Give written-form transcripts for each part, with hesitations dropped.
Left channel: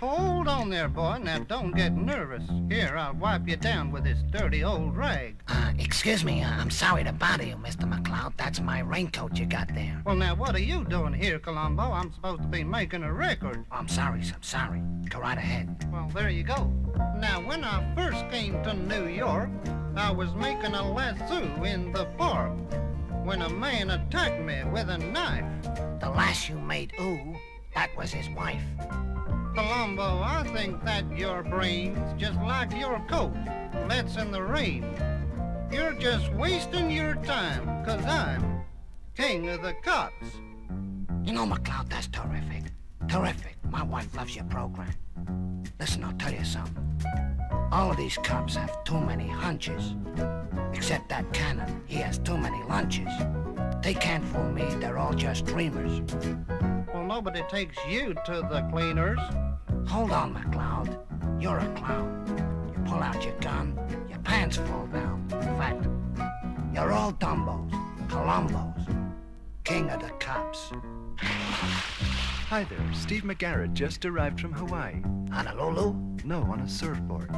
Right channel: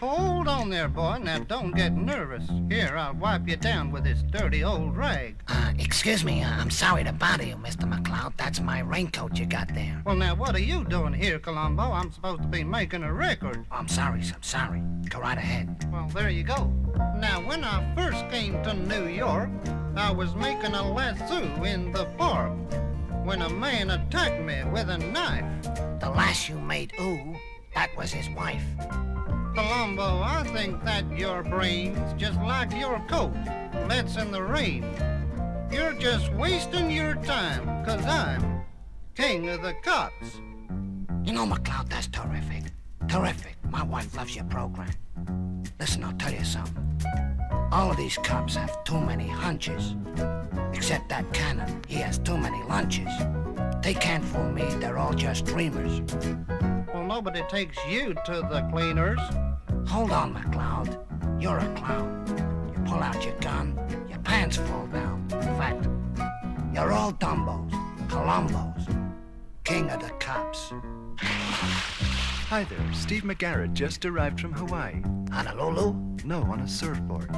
Hold on there, boy. Now, don't get nervous. Here, I'll wipe you down with this dirty old rag. Excuse me, I'm sorry to bother you, Mr. McCloud. That's my raincoat you got there. Well, now, what are you doing here, Columbo? I'm supposed to be making a record. I'm sorry. Go right ahead. Well, there you go. Now, when I first came to New York, I was making a lasso in the park when a man attacked me with a knife. The lass you made, that was his wife. Columbo, I think that your brain's just like your coat. Let's in the rain. You're just wasting your time, 'cause I'm king of the cops. You know, McCloud, that's terrific. Terrific. My wife loves your program. Listen, I'll tell you something. All of these cops have too many hunches. Except that Cannon, he has too many lunches. They can't fool me, they're all just dreamers. Well, nobody takes you to the cleaners. Hold on, McCloud. You're a clown. You pull out your gun, your pants fall down. In fact, you're all Dumbos, Columbos, king of the cops. Hi there, Steve McCartney just arrived from Hawaii. Honolulu? No, on a surfboard.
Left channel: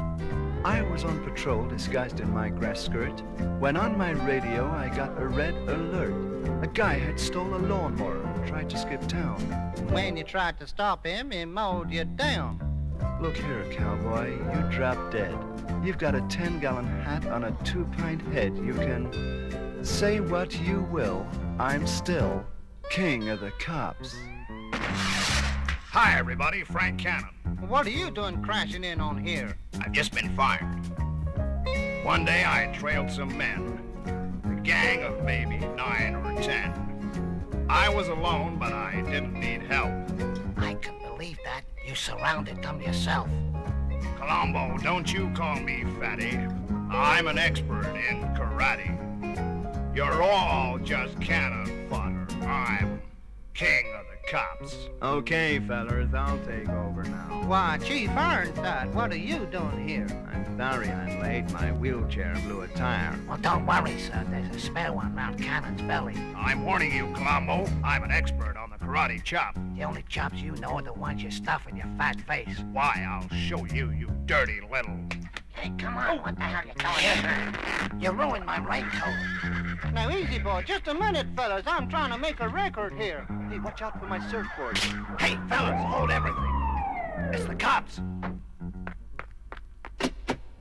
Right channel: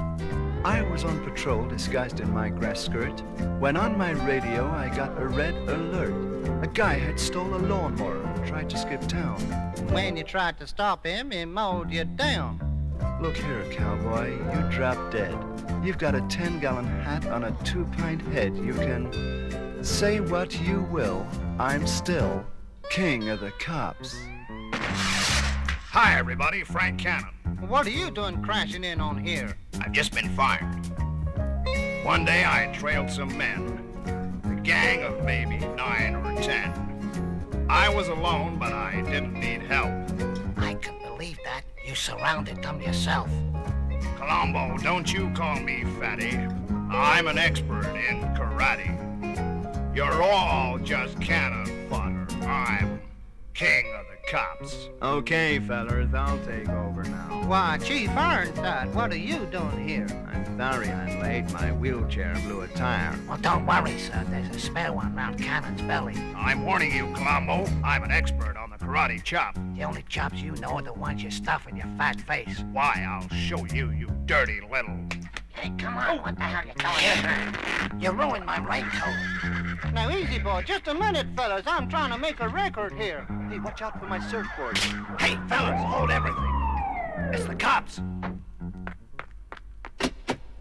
I was on patrol disguised in my grass skirt when on my radio I got a red alert. A guy had stole a lawnmower and tried to skip town. When you tried to stop him, he mowed you down. Look here, cowboy, you dropped dead. You've got a 10-gallon hat on a 2-pint head. You can say what you will. I'm still king of the cops. Hi, everybody. Frank Cannon. What are you doing crashing in on here? I've just been fired. One day I trailed some men, a gang of maybe 9 or 10. I was alone, but I didn't need help. I can believe that. You surrounded them yourself. Columbo, don't you call me fatty. I'm an expert in karate. You're all just cannon fodder. I'm king of the cops. Okay, fellas, I'll take over now. Why, Chief Ironside, what are you doing here? I'm sorry I'm late. My wheelchair blew a tire. Well, don't worry, sir. There's a spare one round Cannon's belly. I'm warning you, Columbo. I'm an expert on the karate chop. The only chops you know are the ones you stuff in your fat face. Why, I'll show you, you dirty little... Hey, come on. What the hell are you doing here? You ruined my raincoat. Now, easy, boy. Just a minute, fellas. I'm trying to make a record here. Hey, watch out for my surfboard. Hey, fellas, hold everything. It's the cops.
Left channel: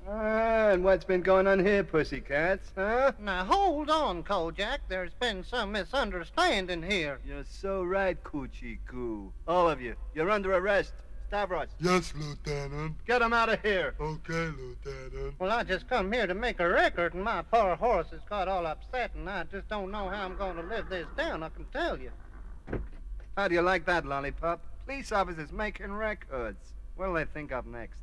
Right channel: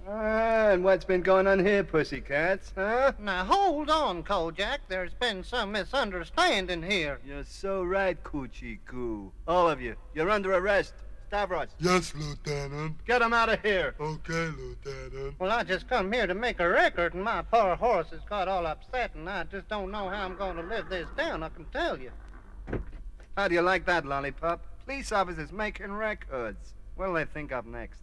And what's been going on here, pussycats, huh? Now, hold on, Kojak. There's been some misunderstanding here. You're so right, Coochie Coo. All of you, you're under arrest. Stavros. Yes, Lieutenant. Get him out of here. Okay, Lieutenant. Well, I just come here to make a record, and my poor horse has got all upset, and I just don't know how I'm going to live this down, I can tell you. How do you like that, lollipop? Police officers making records. What'll they think up next?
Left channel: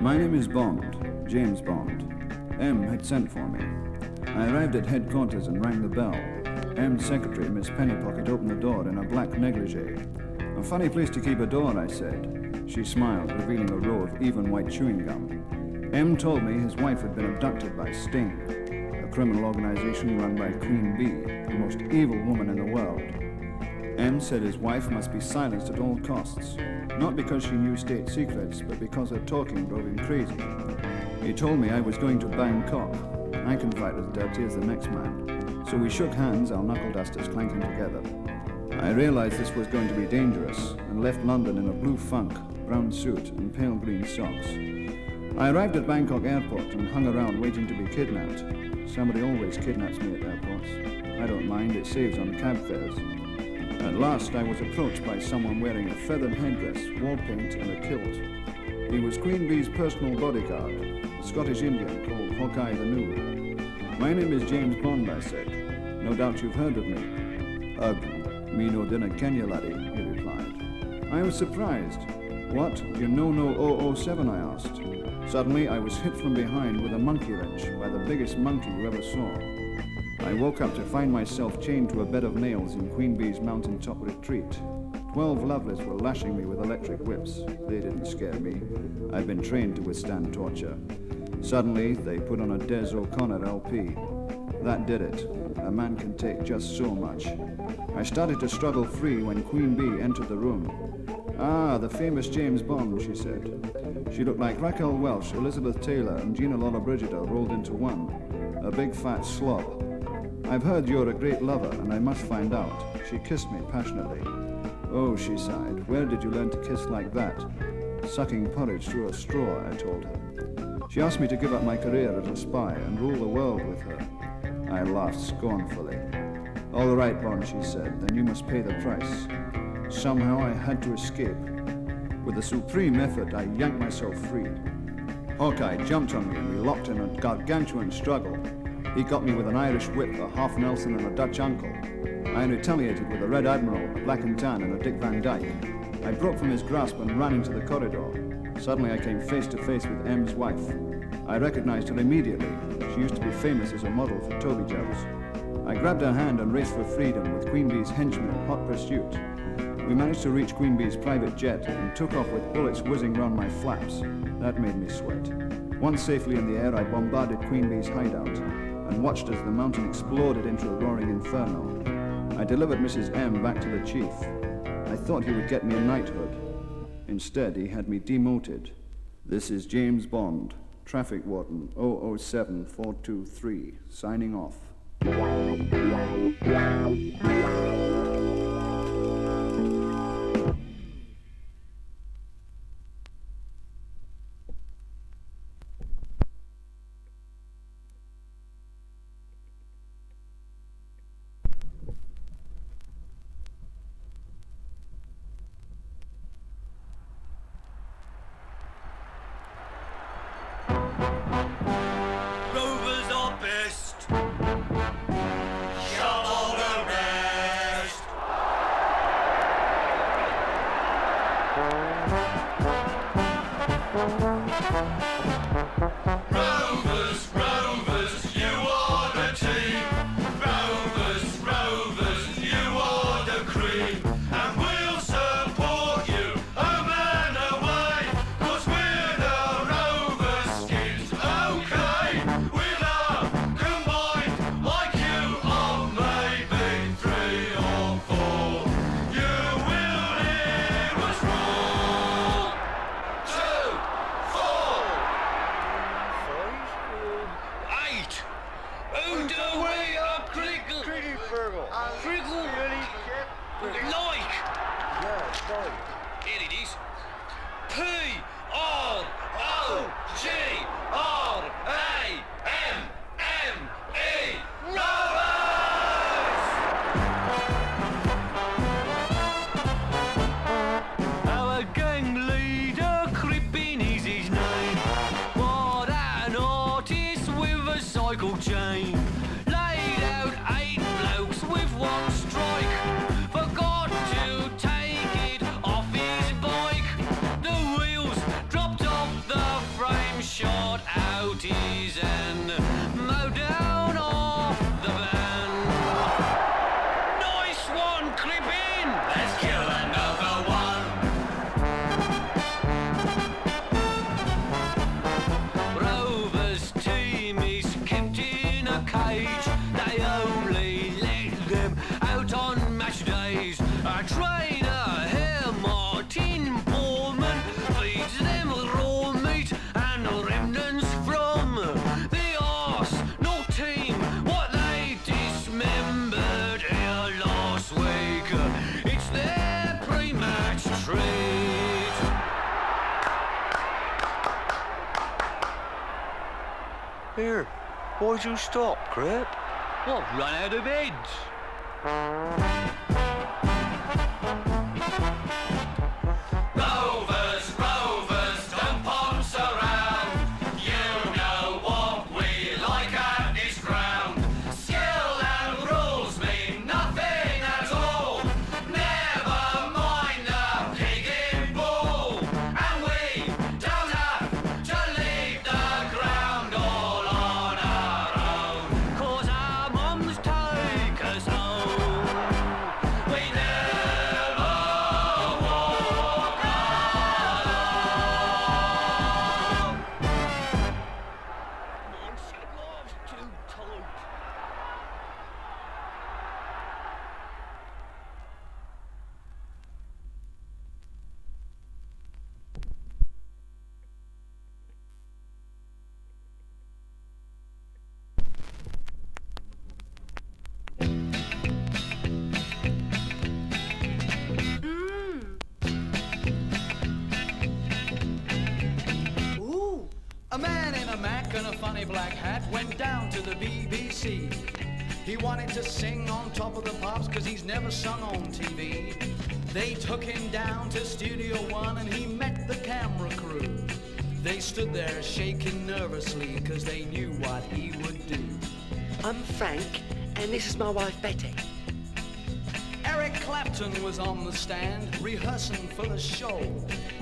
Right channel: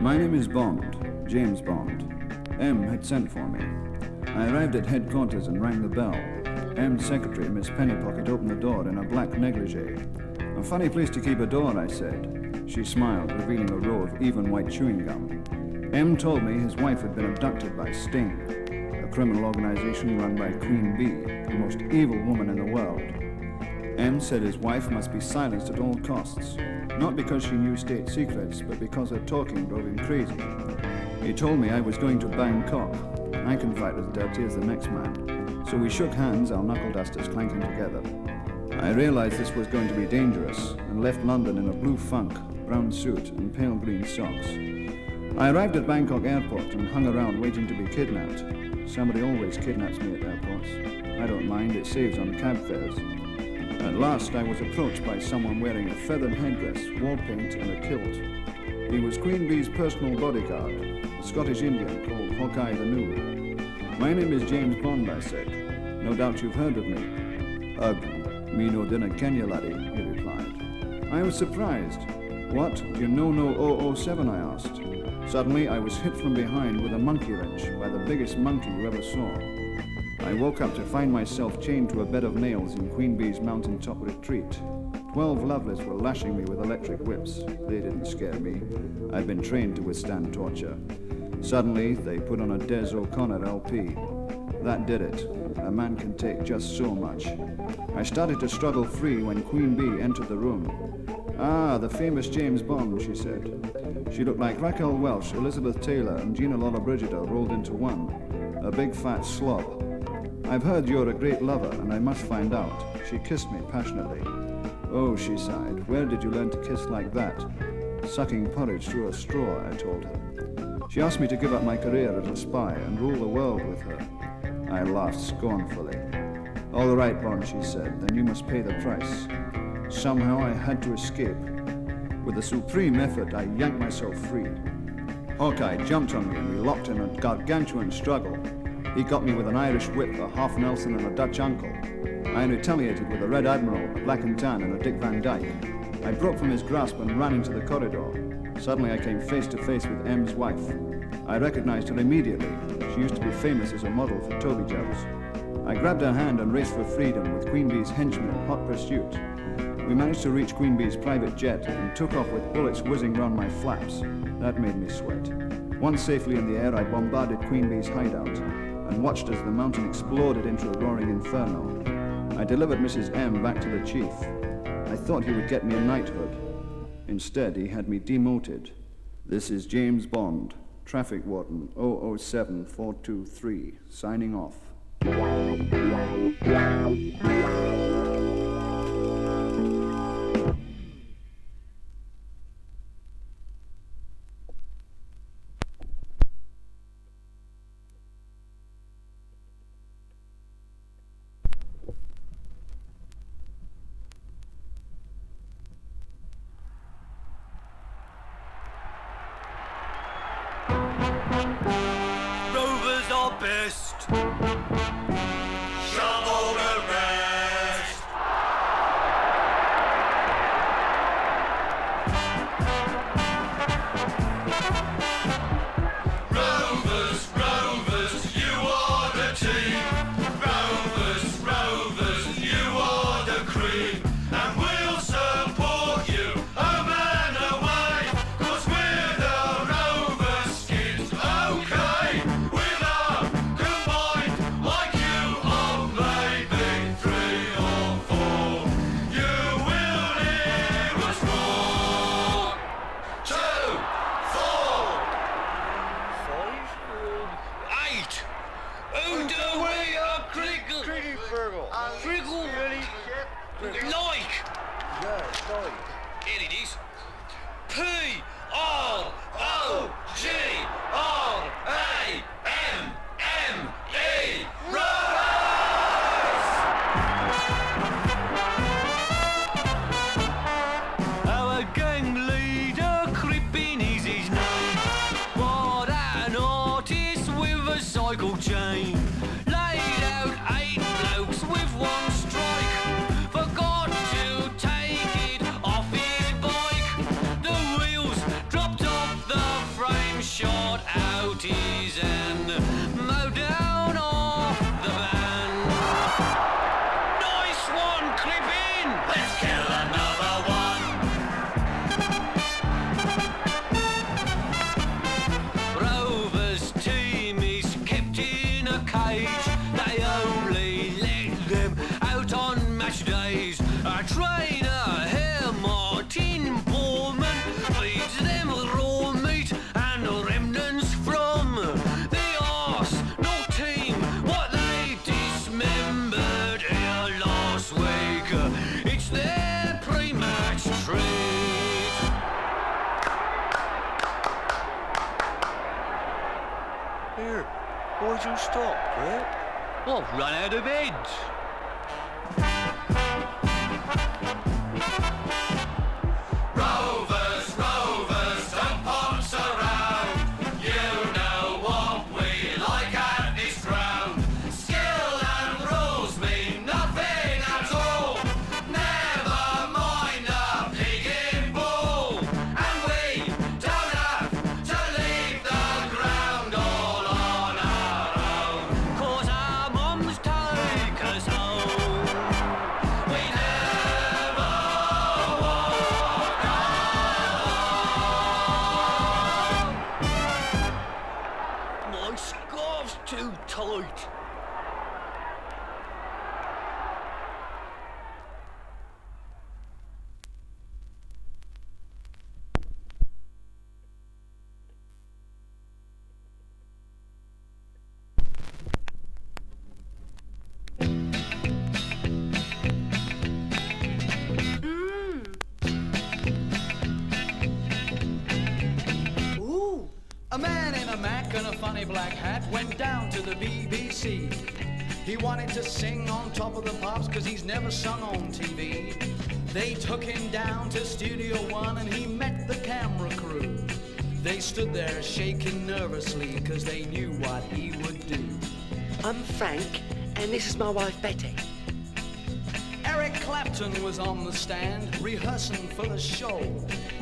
My name is Bond, James Bond. M had sent for me. I arrived at headquarters and rang the bell. M's secretary, Miss Pennypocket, opened the door in a black negligee. A funny place to keep a door, I said. She smiled, revealing a row of even white chewing gum. M told me his wife had been abducted by Sting, a criminal organization run by Queen Bee, the most evil woman in the world. M said his wife must be silenced at all costs, not because she knew state secrets, but because her talking drove him crazy. He told me I was going to Bangkok. I can fight as dirty as the next man. So we shook hands, our knuckle dusters clanking together. I realized this was going to be dangerous and left London in a blue funk, brown suit, and pale green socks. I arrived at Bangkok airport and hung around waiting to be kidnapped. Somebody always kidnaps me at airports. I don't mind, it saves on cab fares. At last, I was approached by someone wearing a feathered headdress, wall paint, and a kilt. He was Queen Bee's personal bodyguard, a Scottish Indian called Hawkeye the New. My name is James Bond, I said. No doubt you've heard of me. Me no dinna kenya, laddie, he replied. I was surprised. What, do you know no 007, I asked. Suddenly, I was hit from behind with a monkey wrench by the biggest monkey you ever saw. I I woke up to find myself chained to a bed of nails in Queen Bee's mountaintop retreat. 12 lovelies were lashing me with electric whips. They didn't scare me. I'd been trained to withstand torture. Suddenly, they put on a Des O'Connor LP. That did it. A man can take just so much. I started to struggle free when Queen Bee entered the room. "Ah, the famous James Bond," she said. She looked like Raquel Welch, Elizabeth Taylor, and Gina Lollobrigida rolled into one. A big fat slob. "I've heard you're a great lover, and I must find out." She kissed me passionately. "Oh," she sighed, "where did you learn to kiss like that?" "Sucking porridge through a straw," I told her. She asked me to give up my career as a spy and rule the world with her. I laughed scornfully. "All right, Bond," she said, "then you must pay the price." Somehow I had to escape. With a supreme effort, I yanked myself free. Hawkeye jumped on me and we locked in a gargantuan struggle. He got me with an Irish whip, a half Nelson and a Dutch uncle. I retaliated with a Red Admiral, a Black and Tan and a Dick Van Dyke. I broke from his grasp and ran into the corridor. Suddenly I came face to face with M's wife. I recognized her immediately. She used to be famous as a model for Toby Jobs. I grabbed her hand and raced for freedom with Queen Bee's henchmen in hot pursuit. We managed to reach Queen Bee's private jet and took off with bullets whizzing round my flaps. That made me sweat. Once safely in the air, I bombarded Queen Bee's hideout and watched as the mountain exploded into a roaring inferno. I delivered Mrs. M back to the chief. I thought he would get me a knighthood. Instead, he had me demoted. This is James Bond, Traffic Warden 007423, signing off. Here, why'd you stop, Crip? Well, I've run out of beds. Mum's A man in a Mac and a funny black hat went down to the BBC. He wanted to sing on Top of the Pops cause he's never sung on TV. They took him down to Studio One and he met the camera crew. They stood there shaking nervously cause they knew what he would do. I'm Frank and this is my wife Betty. Eric Clapton was on the stand, rehearsing for the show.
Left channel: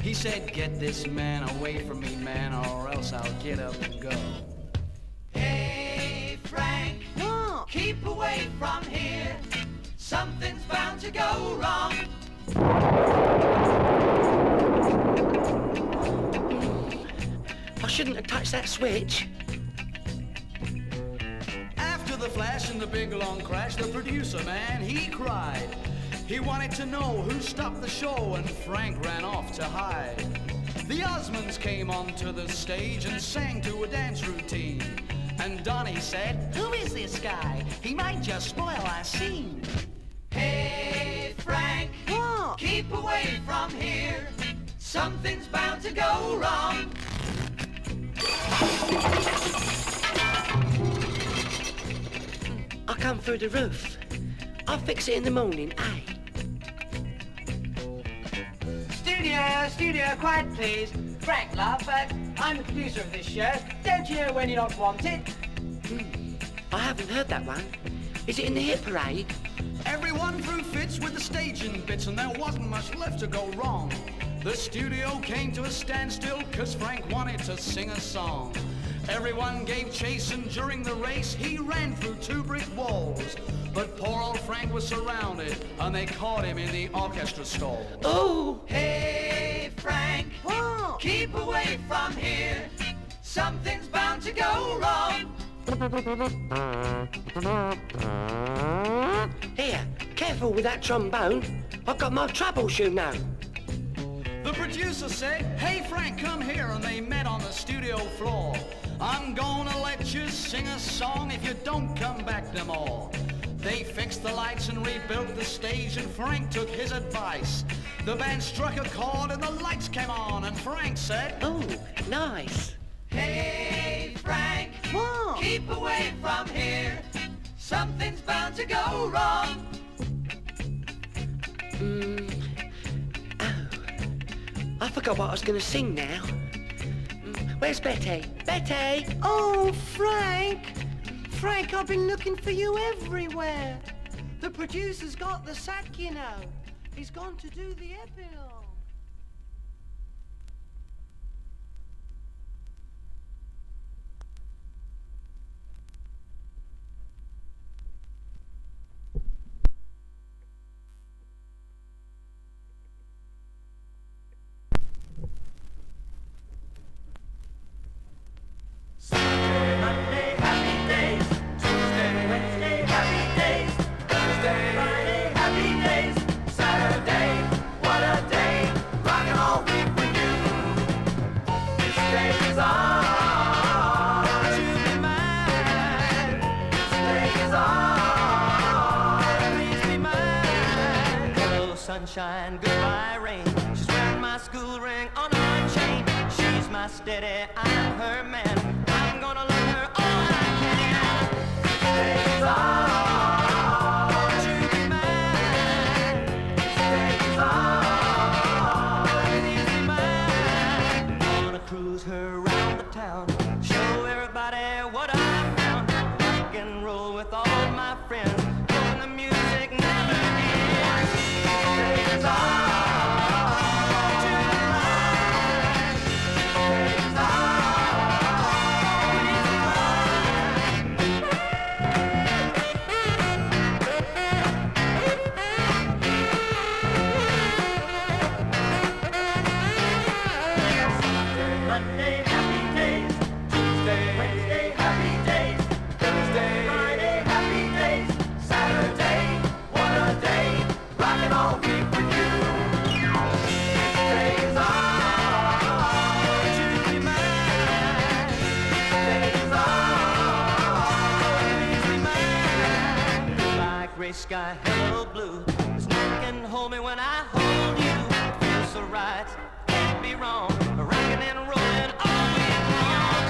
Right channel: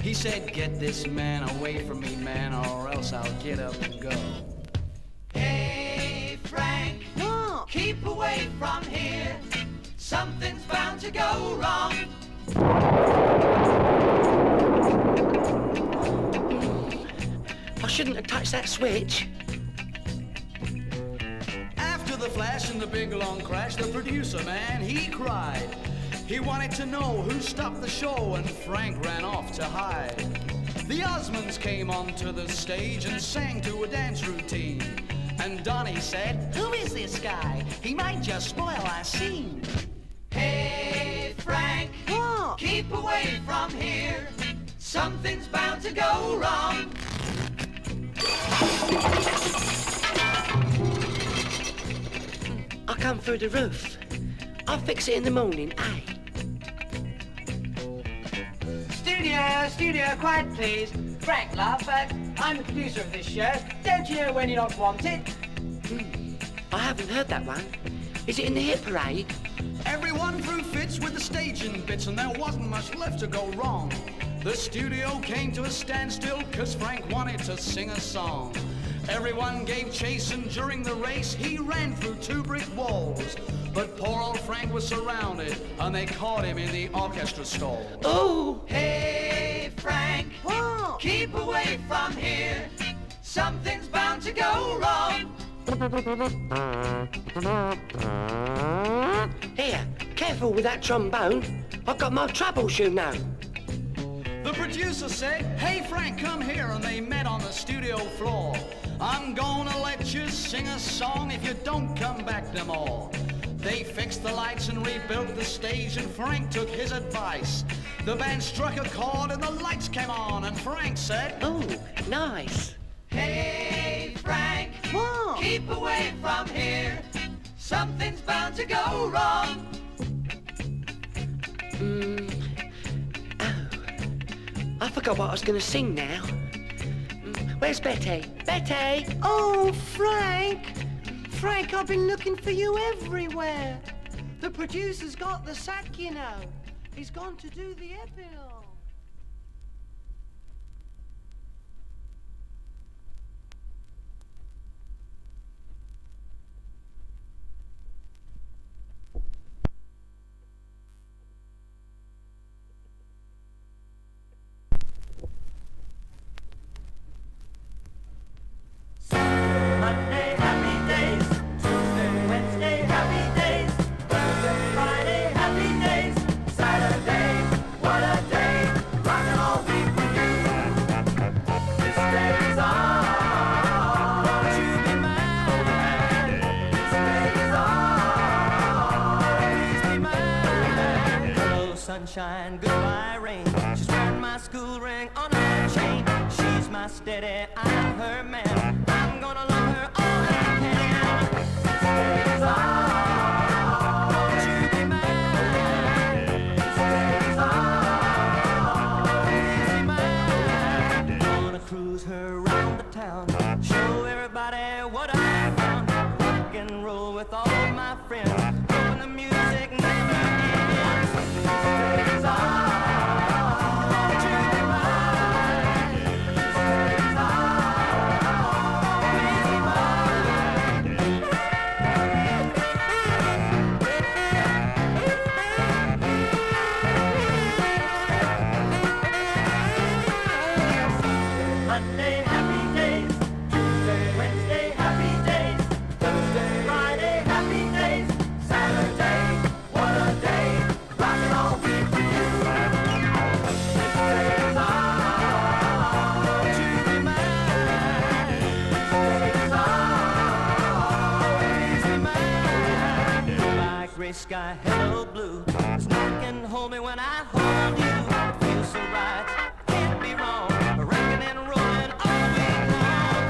He said, get this man away from me, man, or else I'll get up and go. Hey, Frank, keep away from here. Something's bound to go wrong. I shouldn't have touched that switch. After the flash and the big long crash, the producer, man, he cried. He wanted to know who stopped the show, and Frank ran off to hide. The Osmonds came onto the stage and sang to a dance routine. And Donnie said, who is this guy? He might just spoil our scene. Hey, Frank, keep away from here. Something's bound to go wrong. I come through the roof. I'll fix it in the morning, eh? Studio, quiet please. Frank, love, I'm the producer of this show. Don't you know when you're not wanted? I haven't heard that one. Is it in the hit parade? Everyone threw fits with the staging bits and there wasn't much left to go wrong. The studio came to a standstill cause Frank wanted to sing a song. Everyone gave chase and during the race he ran through 2 brick walls. But poor old Frank was surrounded and they caught him in the orchestra stall. Oh! Hey, Frank, keep away from here. Something's bound to go wrong. Here, careful with that trombone. I've got my troubleshoe now. The producer said, hey Frank, come here, and they met on the studio floor. I'm gonna let you sing a song if you don't come back no more. They fixed the lights and rebuilt the stage and Frank took his advice. The band struck a chord and the lights came on and Frank said, oh, nice. Hey, Frank, keep away from here. Something's bound to go wrong. I forgot what I was going to sing now. Where's Betty? Betty! Oh, Frank! Frank, I've been looking for you everywhere. The producer's got the sack, you know. He's gone to do the epilogue. Sunshine, goodbye rain. She's wearing my school ring on her chain. She's my steady, I'm her man. I'm gonna love her all I can. Days on, would you be mine? Days on, would you be mine? Gonna cruise her around the town, show everybody what I found. Rock and roll with all my friends, hoping the music never ends. Days on. Sky, hello blue. There's nothing can hold me when I hold you. It feels so right, can't be wrong. Rocking and rolling all week long.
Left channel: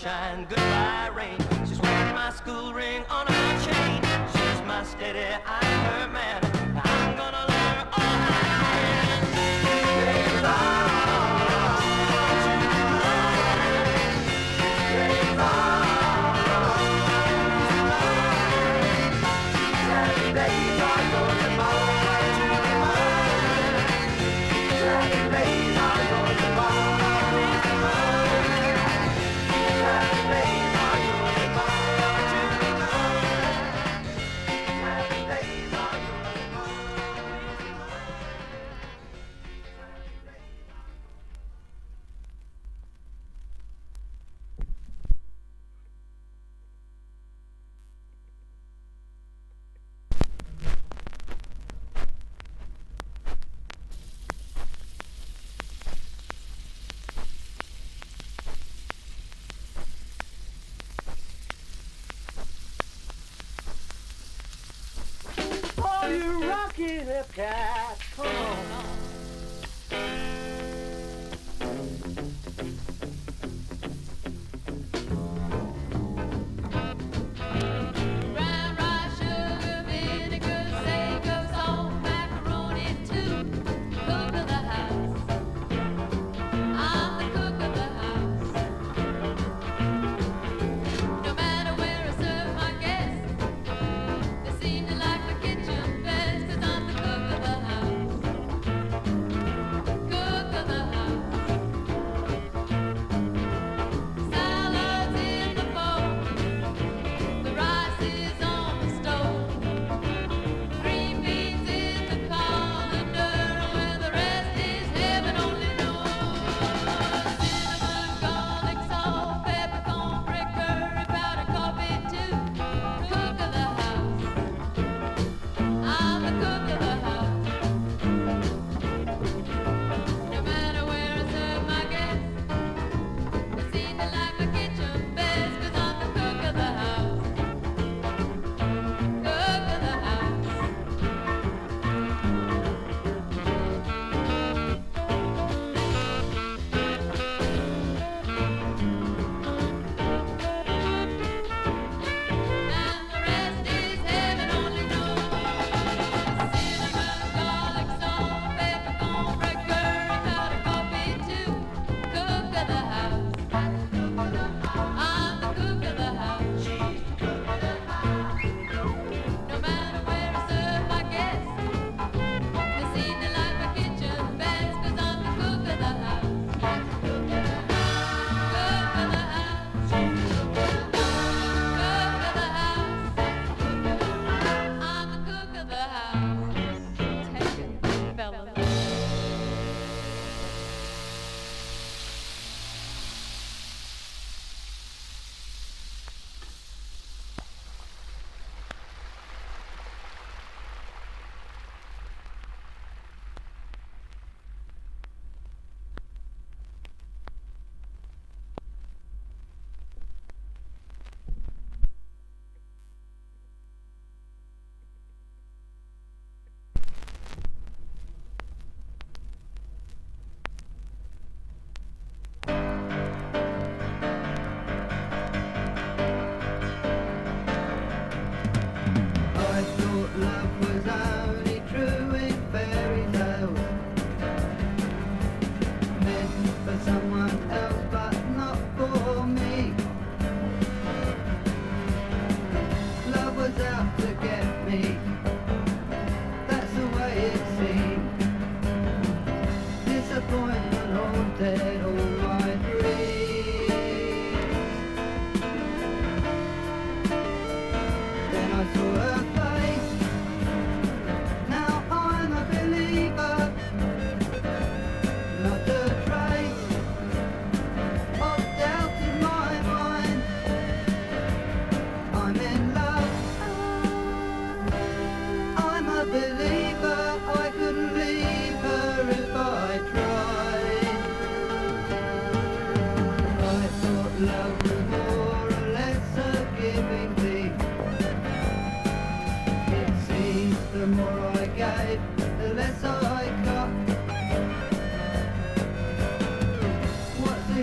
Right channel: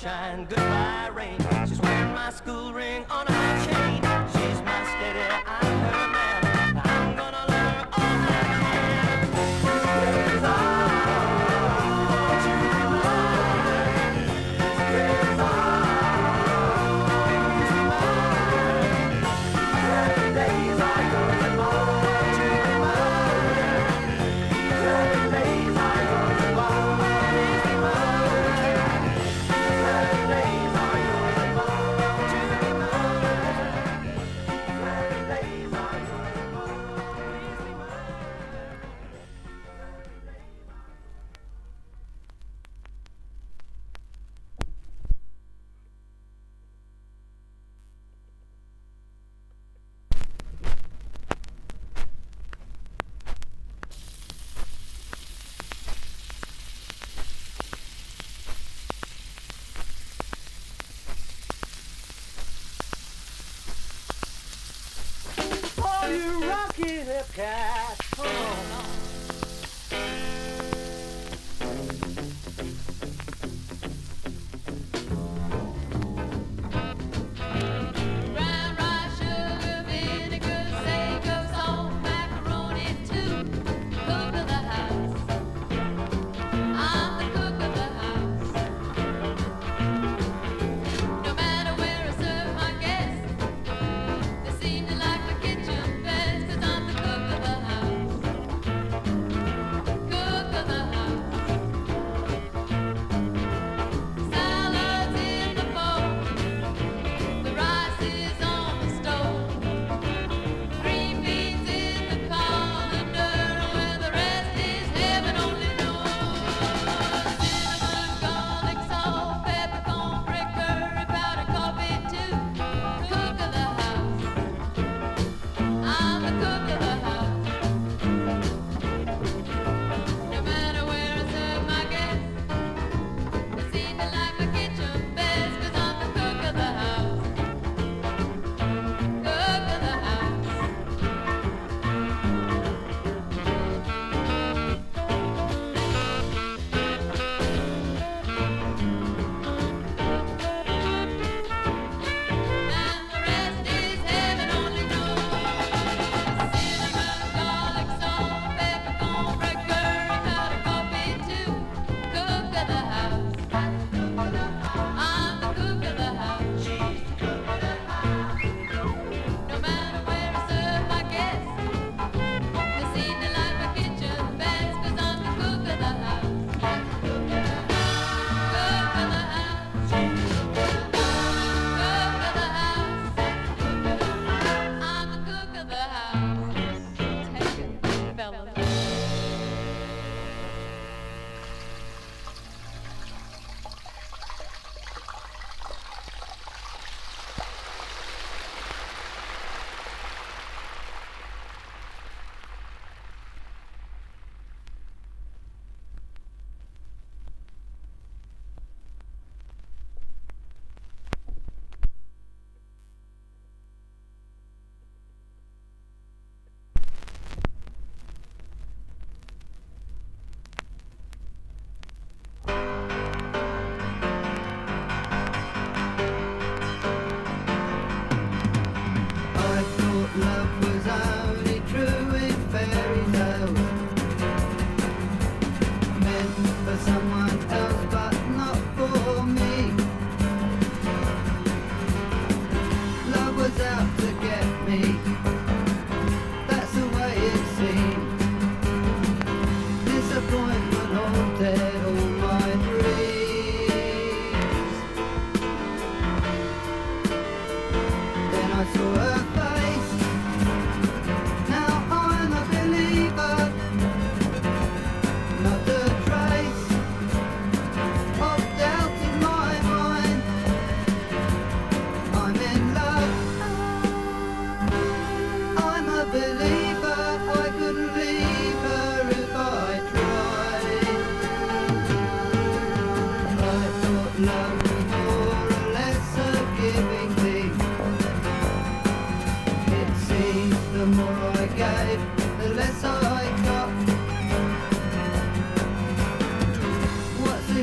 sunshine, goodbye rain. She's wearing my school ring on her chain. She's my steady, I'm her man. I'm gonna learn her all I can. Praise on to the light. Praise on to the light. Happy days are yours and mine. To the light. Happy days are yours and mine. Cat.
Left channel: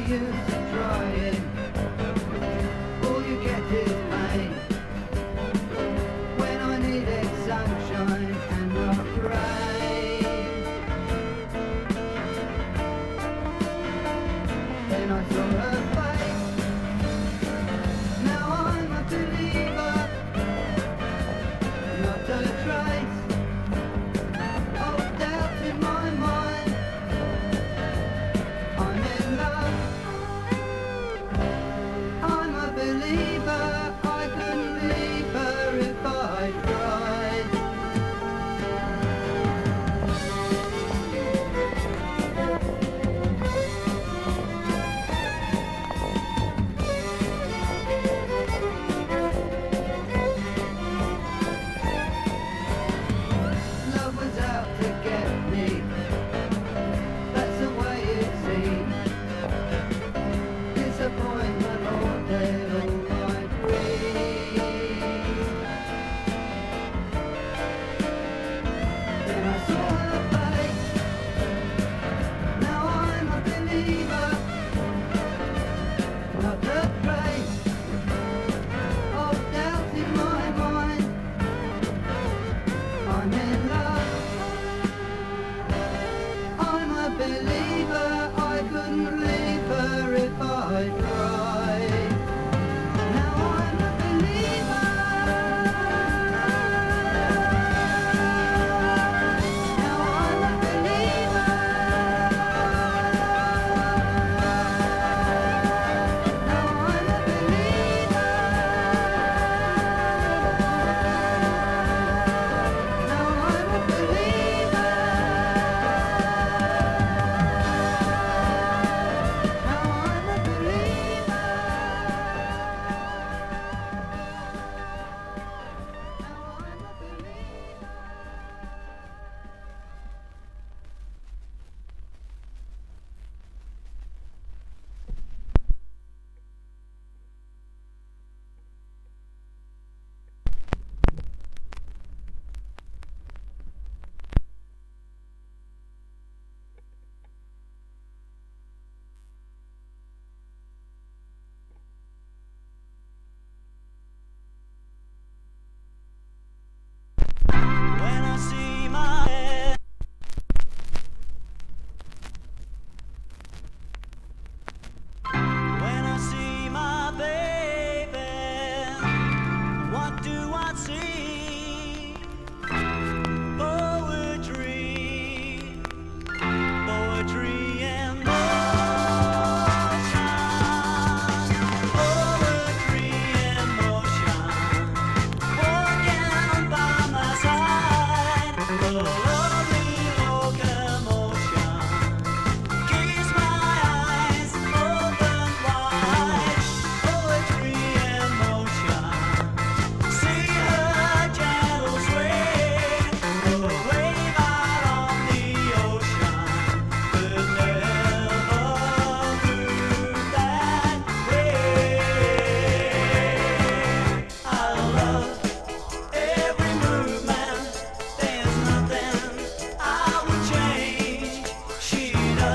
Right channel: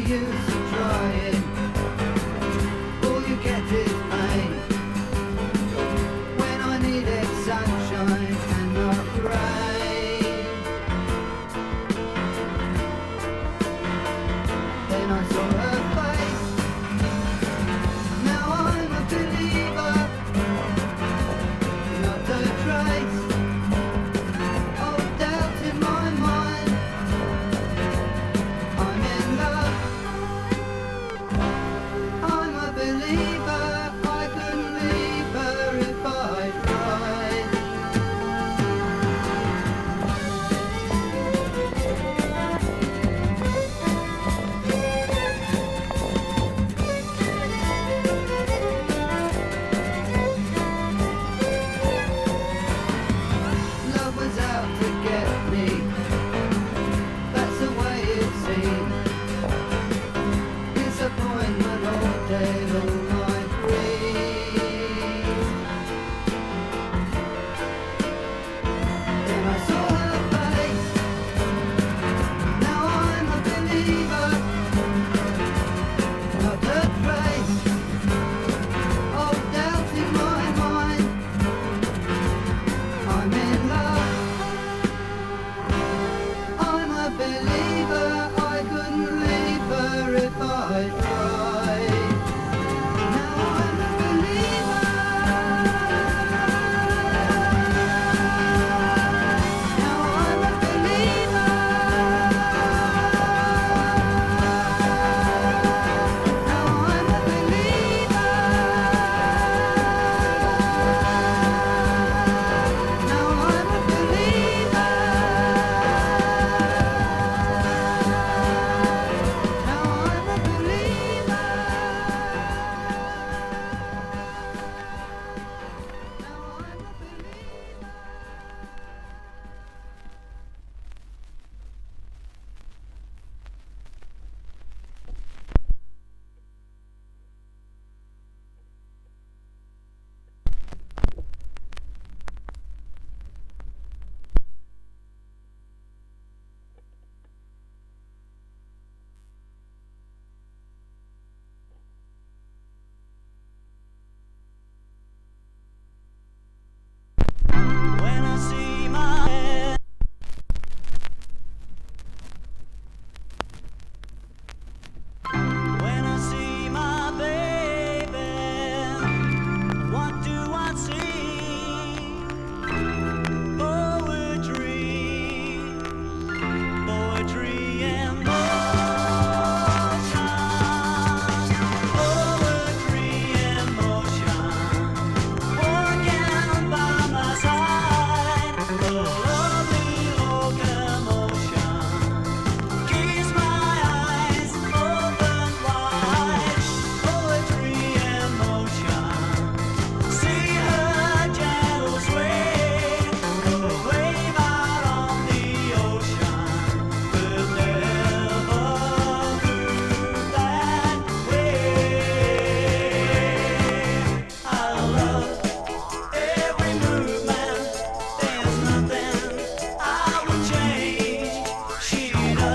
use of trying.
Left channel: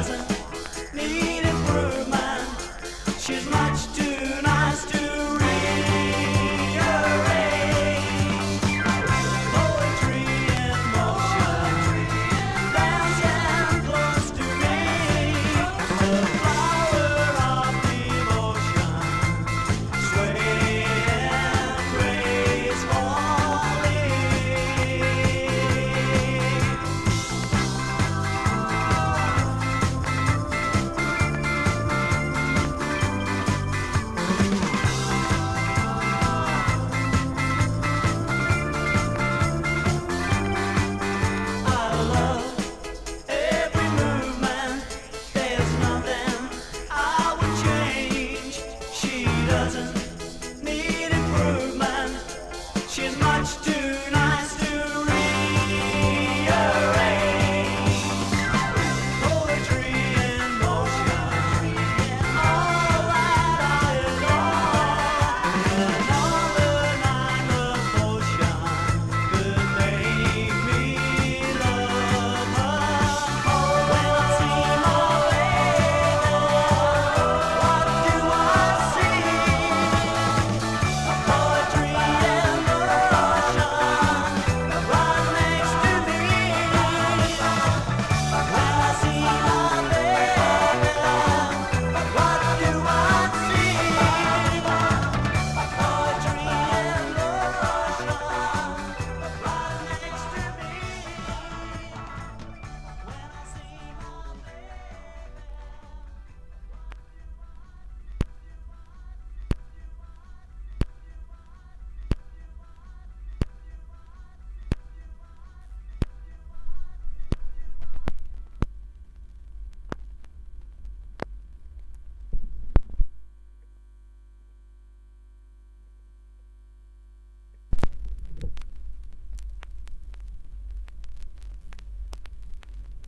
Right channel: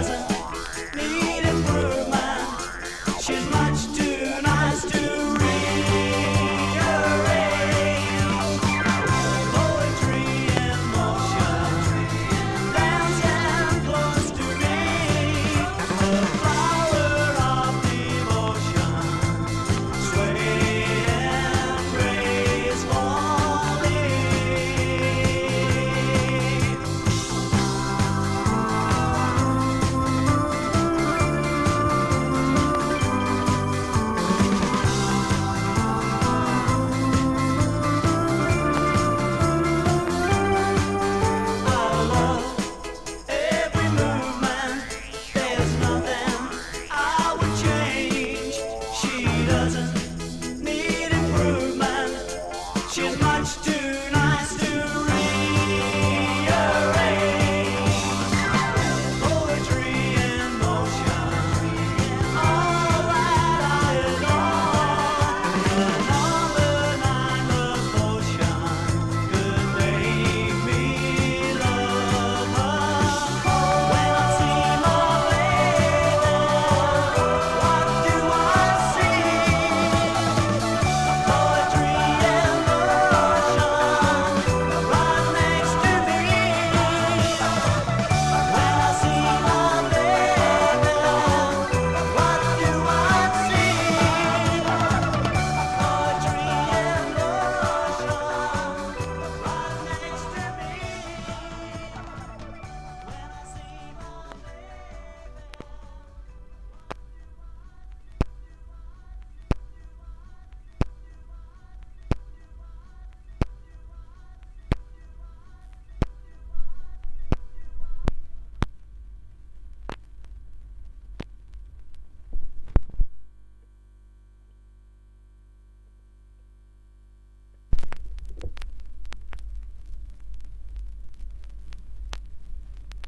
doesn't need improvement. She's much too nice to rearrange. Poetry in motion, dancing close to me. The flower of devotion, swaying gracefully. I love every movement. There's nothing I would change. She doesn't need improvement. She's much too nice to rearrange. Poetry in motion, all that I adore. Another night of potion could make me love her. When I see my lady, what do I see? Poetry in motion, right next to me. When I see my lady, what do I see? Poetry in motion, right next to me. When I see my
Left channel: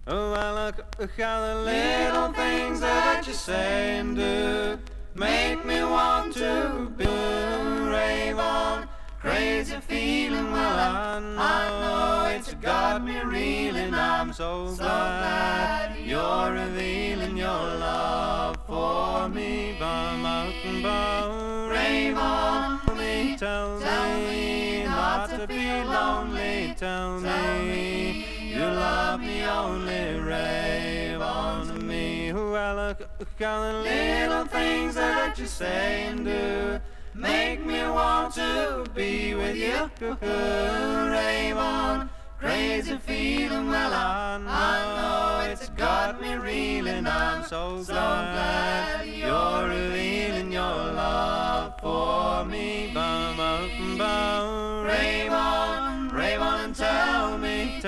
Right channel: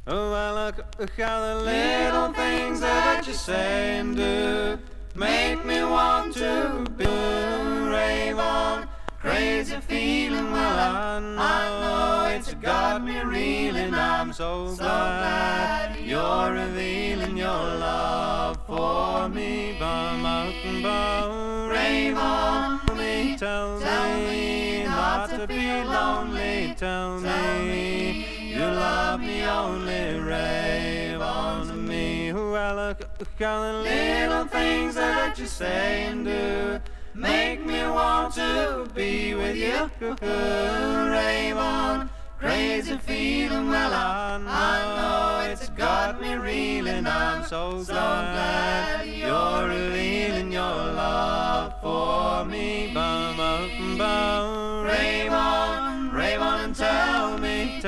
Oh, I look how the little things that you say and do make me want to be rave on. Crazy feeling, well, I know it's got me reeling. I'm so glad you're revealing your love for me. Bum up and bum, rave on me. Tell me not to be lonely. Tell me you love me only. Rave on to me. Well, look how the little things that you say and do make me want to be with you. Rave on, crazy feeling, well, I know it's got me reeling. I'm so glad you're revealing your love for me. Bum up and bum, rave on and tell me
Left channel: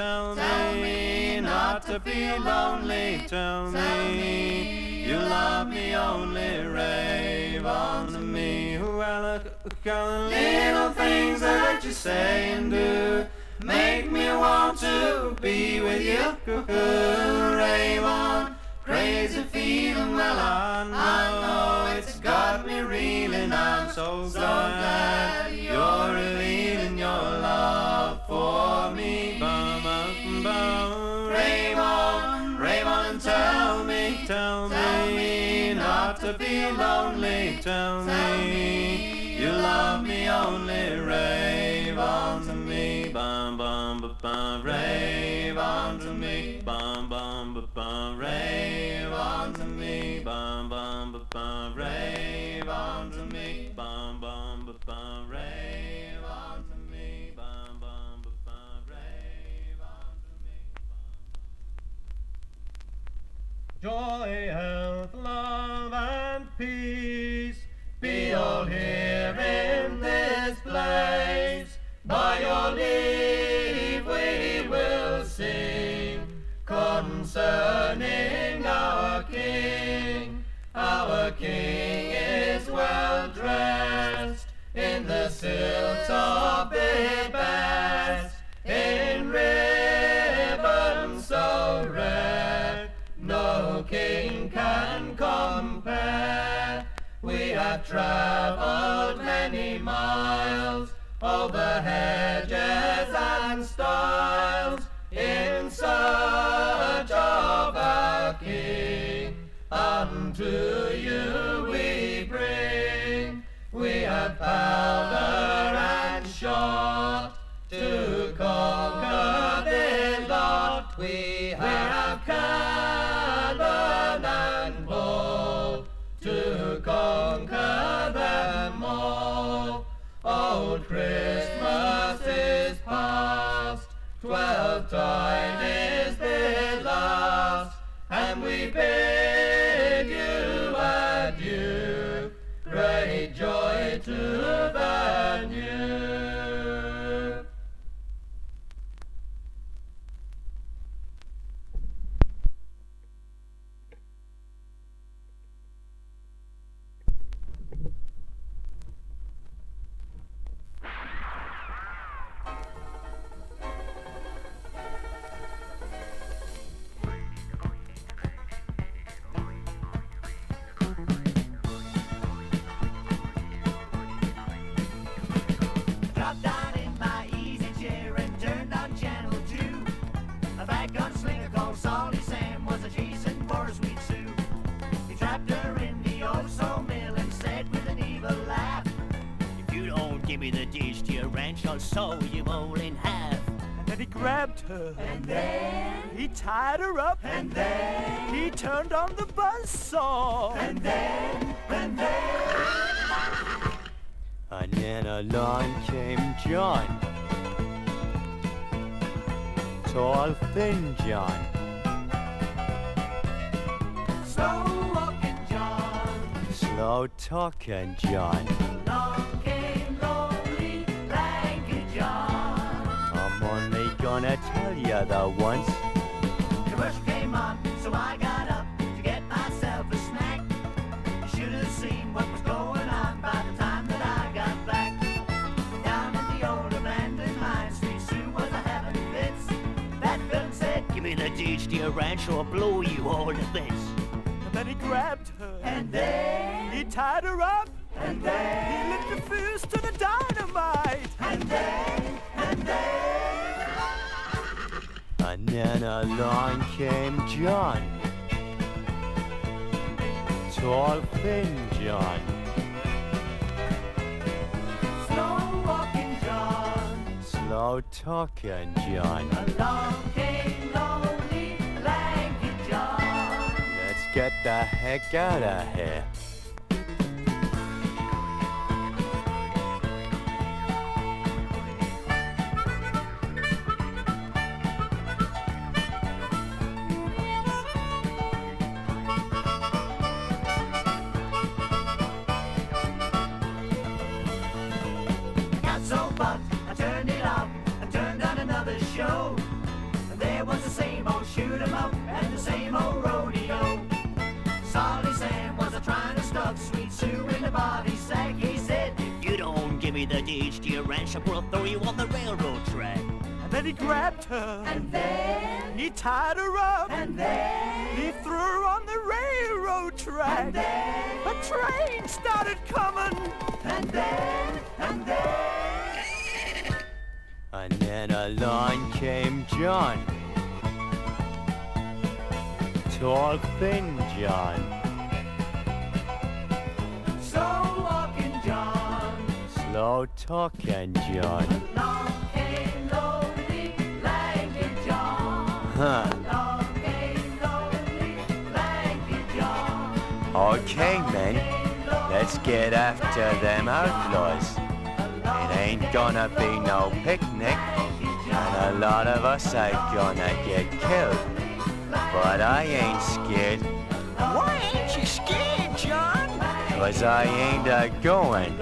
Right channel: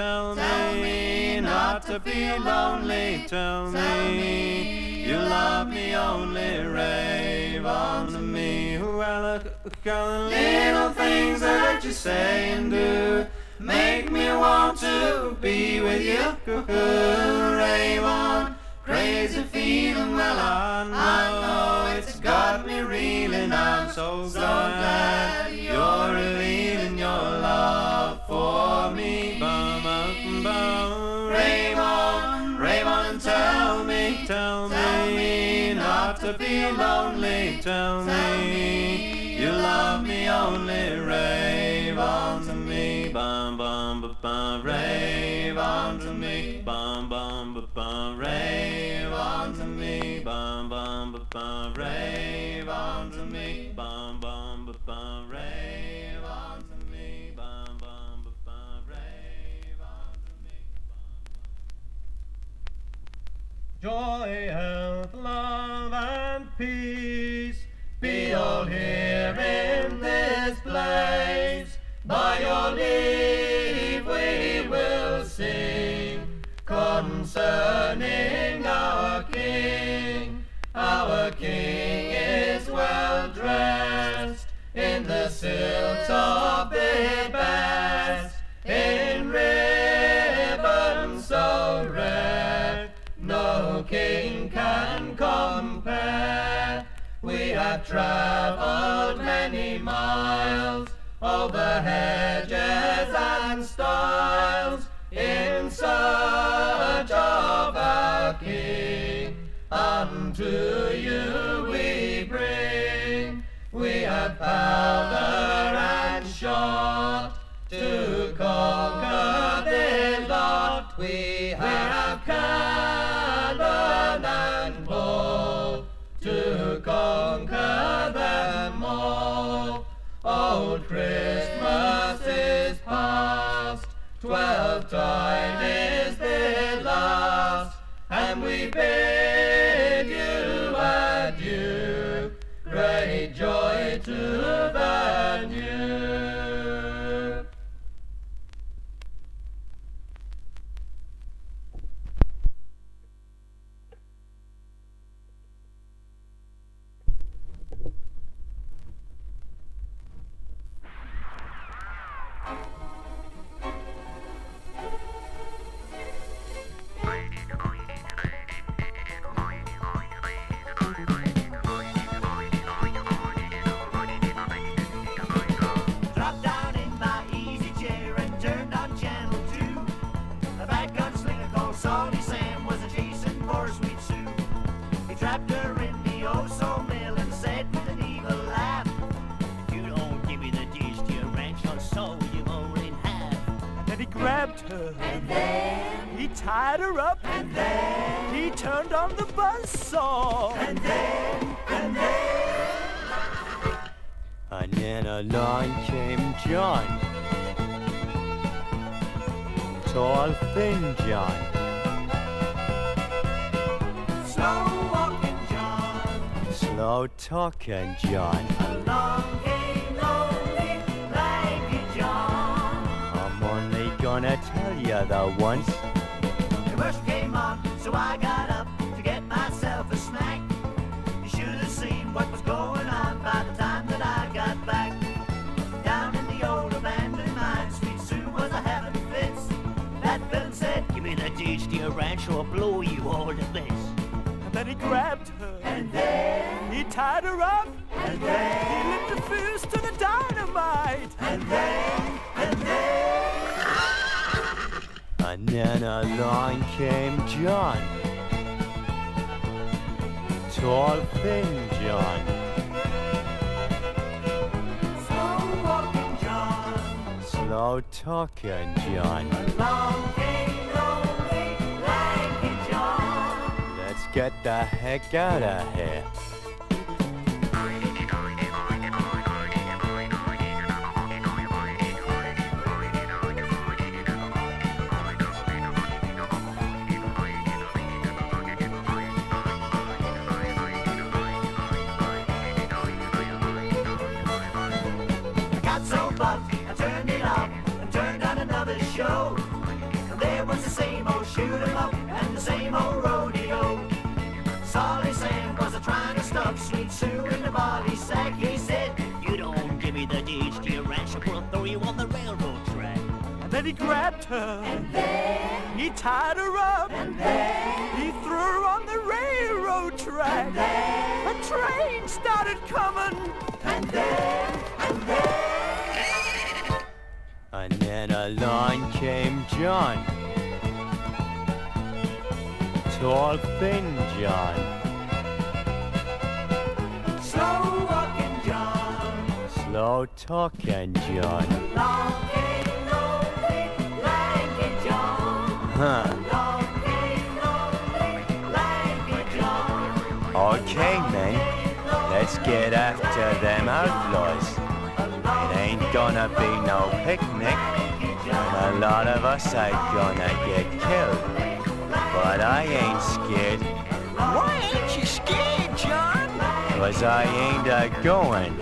not to be lonely. Tell me you love me only. Rave on to me. Well, look how the little things that you say and do make me want to be with you. Rave on, crazy feeling, well, I know it's got me reeling. I'm so glad you're revealing your love for me. Bum up and bum, rave on and tell me not to be lonely. Tell me you love me only. Rave on to me. Bum bum ba bum, rave on to me. Bum bum ba bum, rave on to me. Bum bum ba bum, rave on to me. Bum bum ba bum, rave on to me. Bum bum ba bum, rave on to me. Joy, health, love, and peace be all here in this place. By your leave we will sing concerning our King. Our King is well dressed in the silks of the best, in ribbons so red, no king can compare. We have travelled many miles over hedges and stiles in search of our King. John, to you we bring. We have powder and shot to conquer their lot. We have cannon and bow to conquer them all. Old Christmas is past, 12-tide is their last, and we bid you adieu. Great joy to the new. Dropped down in my easy chair and turned on channel 2. A bad gunslinger called Salty Sam was a chasing for Sweet Sue. He trapped her in the oh-so mill and said with an evil laugh, "If you don't give me the deeds to your ranch, I'll saw you all in half." And then he grabbed her, and then he tied her up, and then he turned on the buzzsaw, and then And then along came John, tall, thin John. slow walking John. Slow talking John. Along came lonely, lanky John. I'm only gonna tell you the once. Commercial came on, so I got up to get myself a snack. You should have seen what was going on by the time that I got back. Down in the old abandoned mine, Sweet Sue was a having fits. That villain said, "Give me the deeds to your ranch, or I'll blow you all to bits." and then he grabbed her, and then he tied her up, and then he lit the fuse to the dynamite, and then And then along came John, tall, thin John. slow walking John. Slow talking John. Along came lonely, lanky John. Let's get the heck out of here. Got so bugged, I turned it off and turned on another show. And there was the same old shoot 'em up and the same old rodeo. Salty Sam was a trying to stuff Sweet Sue in the body sack. He said, "If you don't give me the deeds to your ranch, I'll throw you on the railroad track." and then he grabbed her, and then, he tied her up, and then, he threw her on the railroad track. and then, A train started coming, and then, and then. And then along came John, tall, thin John. Slow walking John. Slow talking John. Along came lonely, lanky John. Huh. Along came lonely, lanky John. Okay, men, let's get after them outlaws. It ain't gonna be no picnic, and a lot of us are gonna get killed. But I ain't scared, Why ain't you scared, John? 'cause I ain't a-going.